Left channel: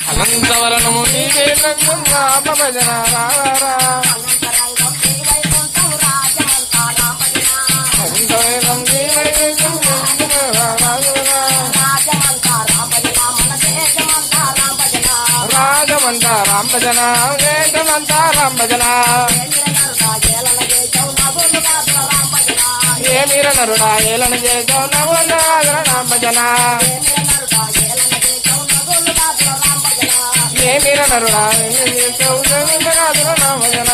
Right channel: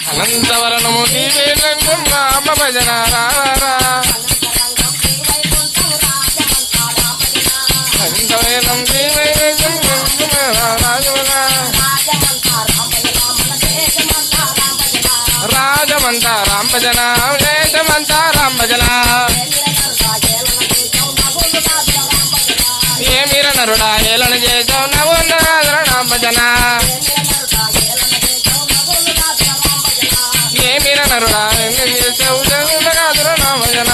అనంతవరణము నీవే రంగం రామ భజన రారా అనంతవరణం నీవే రంగం రాజవన రాజమంతా రామ భజన దేశమంతా రామ భజన ఏమిర నరుడా ఏలన చేసావు నవోన్నరాధన రామ భజన ఏమిర నరుడా చేసావు జగన్నాథుల రామ భజన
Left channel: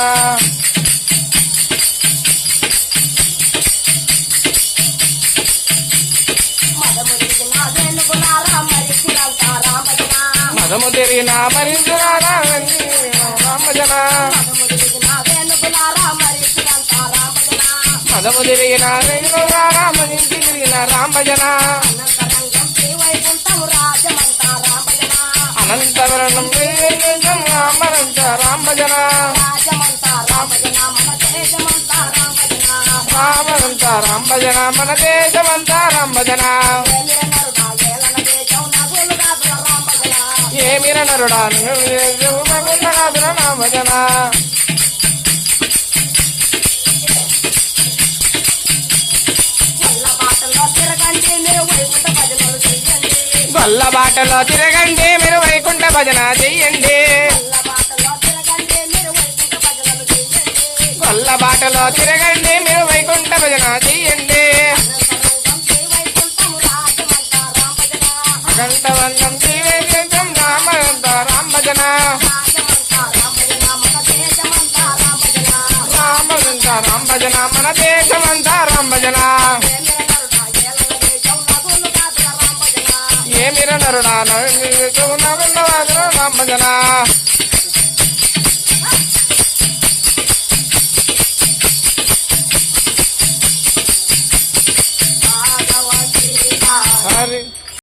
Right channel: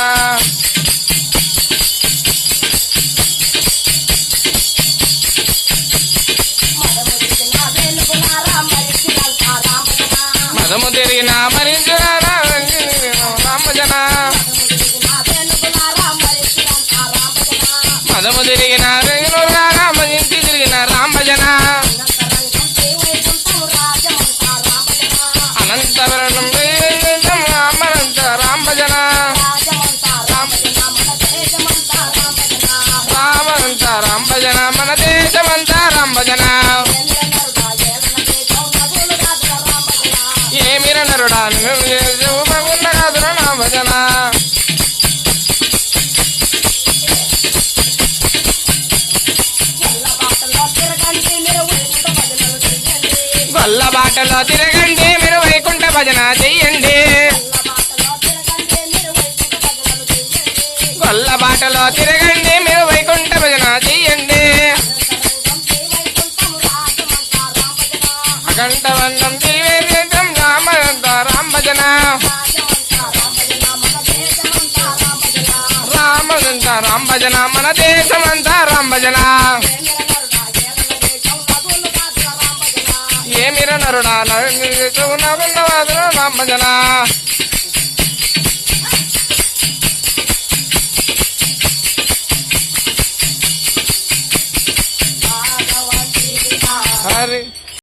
మదము తిరిగిన మరించిన రామ భజన మదము తిరిగిన రామజించి తిరిగిన రామ భజన అనంతవరణం రామనంత రామ భజన రామనంత రామ భజన మన దేశమంతా రామ భజన ఏమిర నరుడా భగున్నరాధుర రామ భజన గొల్ల బాటలో తిరగండి మీరు వైకుంఠ భజన చెయ్యండి గొల్ల బాటలో తిరగండి మీరు వైకుంఠ భజన చెయ్యండి అఖండవన్నం జీవేతం రామంత రామ భజన రామంత రామ భజన మన దేశమంతా రామ భజన ఏమిర నరుడా నవన్నవాదుల రామ భజన హరి